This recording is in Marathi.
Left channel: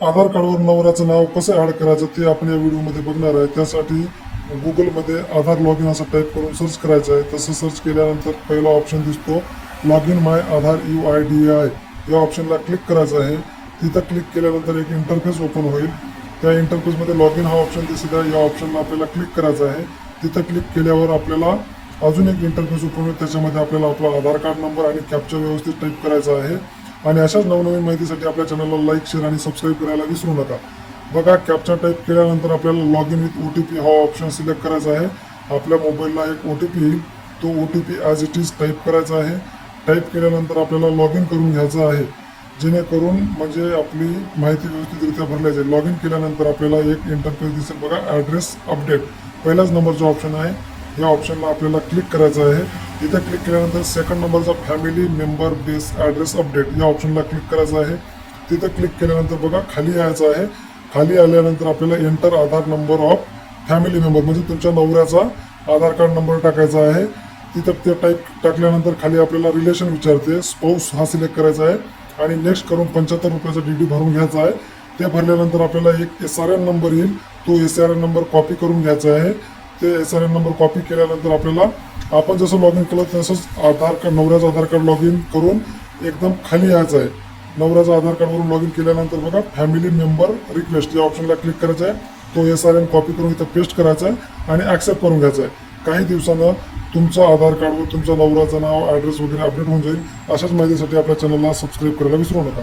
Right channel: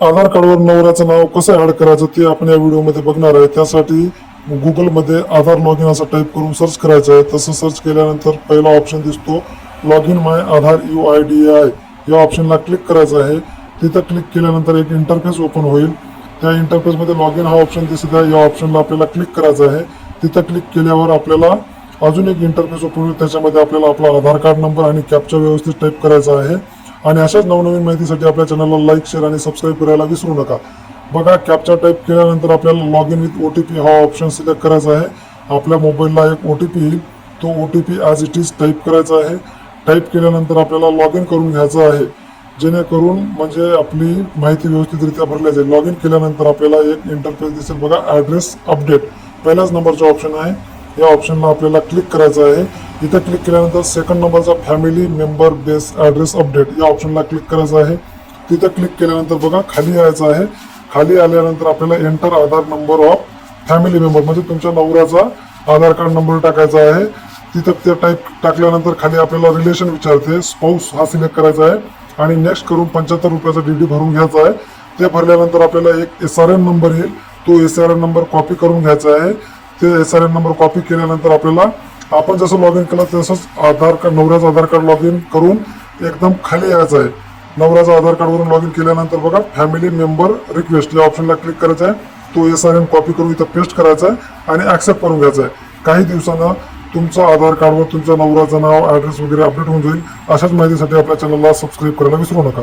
आधार कार्डवर नवऱ्याचं नाव कसं ऍड करायचं ते आपण या व्हिडिओमध्ये बघणार आहे। त्यासाठी गुगलमध्ये आधार लॉग इन असं टाईप करून सर्च करायचं आहे। तसं सर्च केल्यानंतर पहिला ऑप्शन दिसतो log in my Aadhaar UIDAI या ऑप्शनला क्लिक करायचं आहे। तिथं क्लिक केल्यानंतर एक इंटरफेस ओपन होईल। त्या इंटरफेसमध्ये लॉग इन हा ऑप्शन दिसत आहे, या ऑप्शनला आपल्याला क्लिक करायचं आहे। तिथं क्लिक केल्यावर आपल्याला अजून एक इंटरफेस ओपन होईल, त्याच्यामध्ये आपल्याला आपला आधार कार्ड नंबर आणि कॅप्चा व्यवस्थित टाईप करायचा आहे। आणि अशाच नवनवीन माहितीसाठी आपल्या चॅनलला लाईक, शेअर आणि सबस्क्राईब करायला विसरू नका। बघा, कॅप्चा टाईप केल्यानंतर आपल्याला लॉग इन विथ OTP हा ऑप्शन सिलेक्ट करायचा आहे। आपल्या मोबाईलला एक OTP येईल, तो OTP as it is type करायचा आहे। टाईप केल्यानंतर आपल्याला लॉग इन करून घ्यायचं आहे, जेणेकरून म्हणजे आपली माहिती व्यवस्थितरित्या भरली जाईल। लॉग इन केल्यानंतर आपल्याला एक इंटरफेस दिसेल बघा, ॲड्रेस अपडेट पहिल्याच नंबरचा ऑप्शन आहे, या ऑप्शनला आपल्याला क्लिक करायचं आहे। इथे क्लिक केल्यानंतर सेकंड नंबरचा family member base address update या ऑप्शनला क्लिक करायचं आहे। तिथं क्लिक केल्यानंतर बघा खाली यायचं आहे। खाली आल्यानंतर आपल्याला enter Aadhaar number of family member म्हणजे तुमच्या नवऱ्याचा आधार कार्ड नंबर टाकायचा आहे। तिथं ते टाईप टाकल्यानंतर खाली आपल्याला रिलेशन विचारते, स्पाऊस हा सिलेक्ट करायचा आहे आणि नेक्स्ट करून 75 रुपयाचा DD भरून घ्यायचा आहे। ते भरल्यानंतर आपल्याला एक SRN नंबर येईल, तो SRN नंबर कॉपी करून घ्यायचा आहे। ते SRN नंबर कॉपी केल्यानंतर आपल्याला आपण जसं लॉग इन केलं तसंच आधार कार्ड नवऱ्याचं आधार कार्ड लॉग इन करून एकदम खाली यायचं आहे। नवऱ्याचा आधार कार्डवरून लॉग इन केल्यानंतर बघा फॅमिली मेंबर रिक्वेस्ट या ऑप्शनला क्लिक करायचा आहे। तो SRN कॉपी करून इथं पेस्ट करायचा आहे आणि ॲक्सेप्ट करून घ्यायचा आहे। काही दिवसानं तुमच्या आधार कार्डवर तुमच्या नवऱ्याचं नाव, ॲड्रेस वगैरे अपडेट होऊन जाईल। अशाच माहितीसाठी आपल्या चॅनलला सबस्क्राईब करायला विसरू नका।